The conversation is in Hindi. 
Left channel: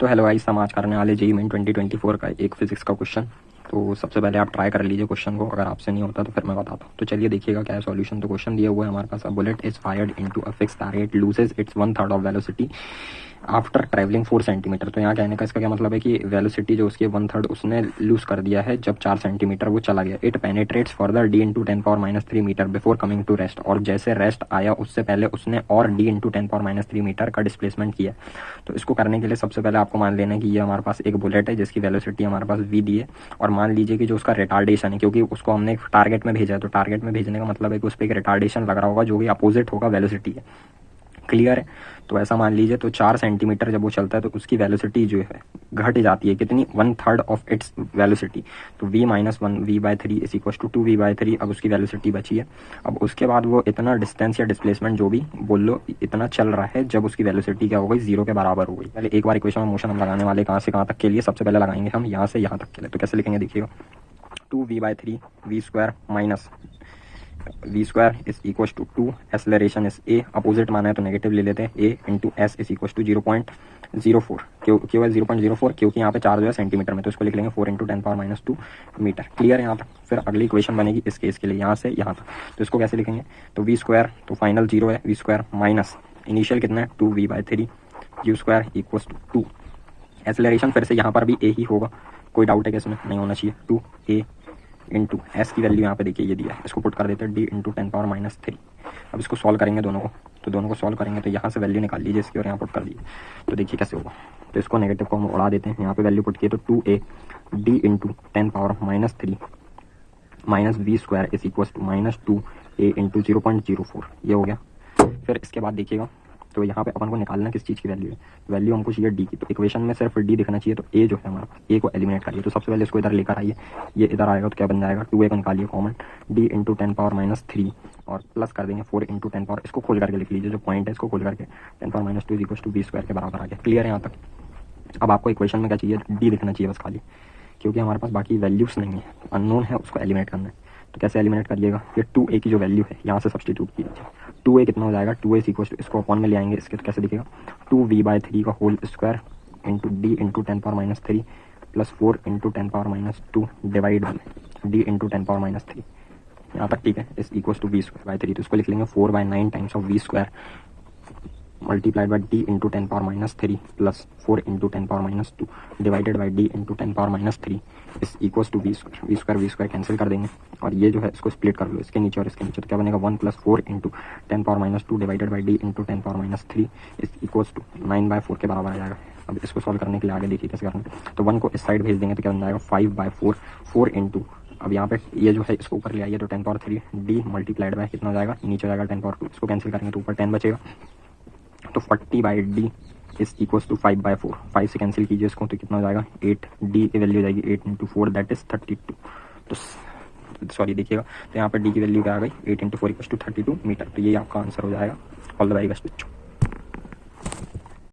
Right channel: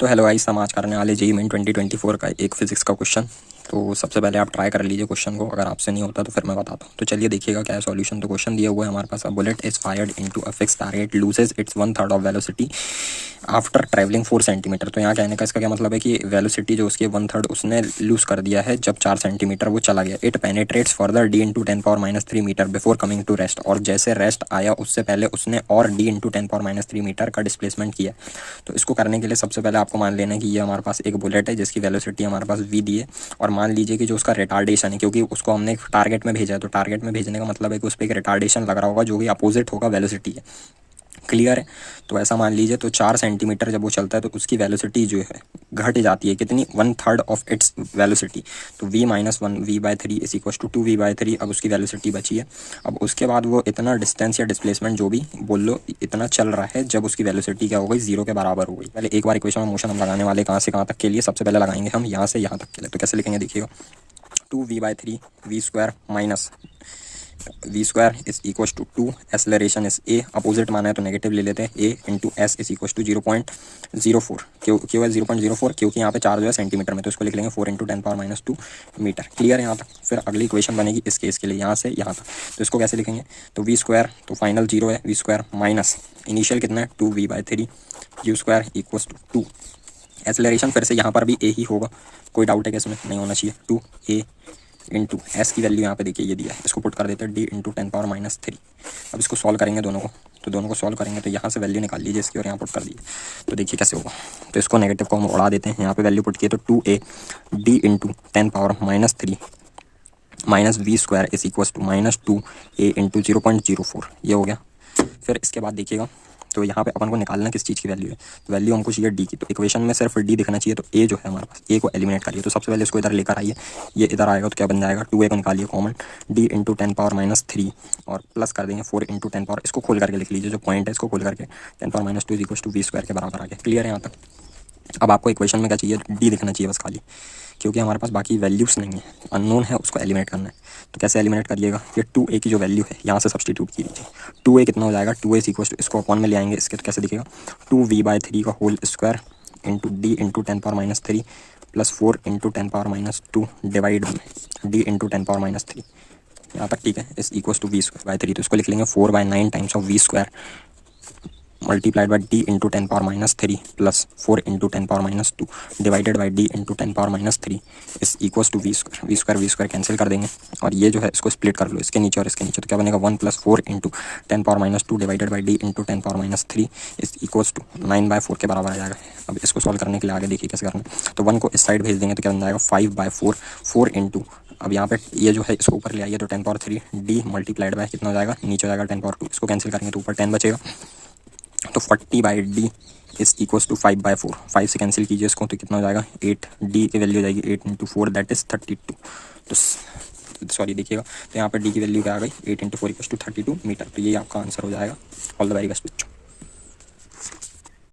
तो हेलो गाइस, हम आज करने वाले जेईई मेन 2024 का एक फिजिक्स का क्वेश्चन। तो सबसे पहले आप ट्राई कर लीजिए क्वेश्चन को, अगर आपसे नहीं होता तो फिर मैं बताता हूँ। तो चलिए देखिएगा क्या है सॉल्यूशन। तो क्वेश्चन दिया हुआ है हमारे पास, a bullet is fired into a fix target loses its 1/3 of velocity after travelling 4 centimetre. तो यहाँ कहने का इसका क्या मतलब है कि वेलोसिटी जो उसकी 1/3 उसने लूज कर दिया है जब 4 सेंटीमीटर वो चला गया। It penetrates further d into 10⁻³ metre before coming to rest. और जैसे रेस्ट आया उससे पहले उसने और d इंटू 10⁻³ मीटर का डिस्प्लेसमेंट किया। तो इसको करने के लिए सबसे पहले आपको मान लेना है कि ये हमारे पास एक बुलेट है जिसकी वेलोसिटी हमारे पास v दी है। और मान लीजिए कि जो उसका रिटार्डेशन है, क्योंकि उसको हमने एक टारगेट में भेजा है, तो टारगेट में भेजने का मतलब है कि उस पर एक रिटार्डेशन लग रहा होगा जो कि अपोजिट होगा वेलोसिटी है। क्लियर है? तो ऐसा मान लीजिए, तो 4 सेंटीमीटर जब वो चलता है तो उसकी वेलोसिटी जो है घट जाती है कितनी, 1/3 ऑफ इट्स वेलोसिटी। तो v-1 v/3 is equal to 2v/3। अब उसकी वेलोसिटी बची है। अब उसके बाद वो इतना डिस्टेंस या डिस्प्लेसमेंट जो भी बोल लो इतना चल रहा है जब उसकी वेलोसिटी क्या हो गई, 0 के बराबर हो गई। पहले एक बार इक्वेशन में मोशन हम लगाने वाले कहाँ से कहाँ तक के लिए, सबसे पहले लगाएंगे हम यहाँ से यहाँ तक के लिए। तो कैसे लिखेंगे देखिएगा, 2v/3 v² minus v² is equal to 2, acceleration is a, opposite माना है तो नेगेटिव ले लेते हैं, a into s is equal to 0.04। क्यों है 0.04? क्योंकि यहाँ पे चार्ज जो है सेंटीमीटर में, तो इसको लिख लेंगे 4 इंटू 10⁻² मीटर। क्लियर है यहाँ तक? फिर अगली इक्वेशन बनेगी इस केस के लिए, यहाँ से यहाँ तक। तो इसको कैसे लिखेंगे, तो v², तो फाइनल 0 है, v² माइनस इनिशियल कितना है 2v/3 u² equal to 2। Acceleration फिर से यहाँ पर भी a ही होगा, कोई डाउट है कि इसमें? नहीं होना चाहिए। 2a इंटू एस की वैल्यू यहाँ पे देखिए ये दिया है, इसको पुट कर देते हैं d इंटू 10⁻³ अब इसको सॉल्व करेंगे दोनों को, तो दोनों को सॉल्व करेंगे तो यहाँ से वैल्यू निकाल लीजिए इसकी और यहाँ पुट कर दीजिए। तो देखिए कैसे होगा। तो इसको नेगेटिव को हम उड़ा देते हैं, यहाँ पे वैल्यू पुट किए तो 2a d into 10⁻³ minus v² is equal to -2a into 0.04, ये हो गया। फिर इसके बाद देखिएगा, तो यहाँ पे अपन को निकालना किस चीज़ की वैल्यू है, तो वैल्यू हमको चाहिए डी की। तो इक्वेशन में सिर्फ डी दिखना चाहिए, तो ए जो है हमारे पास, ए को एलिमिनेट करिए। तो सबसे पहले इसको इधर लेकर आइए, ये इधर आएगा तो क्या बन जाएगा, 2a को निकालिए कॉमन, डी इंटू 10⁻³ और प्लस कर देंगे 4 इंटू 10 इसको खोल करके लिख लीजिए, जो पॉइंट है इसको खोल करके 10⁻² इज इक्वल टू v² के बराबर आ गया। क्लियर है यहाँ तक? अब आपको इक्वेशन में क्या चाहिए, डी दिखना चाहिए बस खाली, क्योंकि हमारे पास बाकी वैल्यूज़ नहीं है, अननोन है, उसको एलिमिनेट करना है। तो कैसे एलिमिनेट करिएगा, ये 2a की जो वैल्यू है यहाँ से सब्सटीट्यूट कीजिए। 2a कितना हो जाएगा, 2a इक्वल टू, इसको अपॉन में ले आएंगे इसके, तो कैसे दिखेगा, 2v/3 का whole square into d into 10⁻³ plus 4 into 10⁻² divide by d into 10⁻³ यहाँ तक ठीक है, इस इक्वल टू v²/3। तो इसको लिख लेंगे 4/9 times of v² multiplied by d into 10⁻³ plus 4 into 10⁻² divided by d into 10⁻³ इस इक्वल्स टू v² कैंसिल कर देंगे। और ये जो है इसको स्प्लिट कर लो, इसके नीचे और इसके नीचे, तो क्या बनेगा 1 plus 4 into 10⁻² divided by d into 10⁻³ इस इक्वल्स टू 9/4 के बराबर आ जाएगा। अब इसको सॉल्व करने के लिए आगे देखिए कैसे करना है। तो 1 को इस साइड भेज देंगे तो क्या बन जाएगा 5/4, 4 इंटू, अब यहाँ पे ये जो है इसको ऊपर ले आइए तो 10⁻³ d मल्टीप्लाइड बाय कितना हो जाएगा, नीचे हो जाएगा 10⁻², इसको कैंसिल करेंगे तो ऊपर 10 बचेगा। तो 40/d इज इक्वल्स टू 5/4, 5 से कैंसिल कीजिए इसको तो कितना हो जाएगा 8, d की वैल्यू हो जाएगी 8 इंटू 4 दैट इज 32। तो सॉरी देखिएगा, तो यहाँ पर d की वैल्यू क्या आ गई, 8 इंटू 4 इक्वल्स टू 32 मीटर। तो ये आपका आंसर हो जाएगा। ऑल द वेरी बेस्ट बच्चों।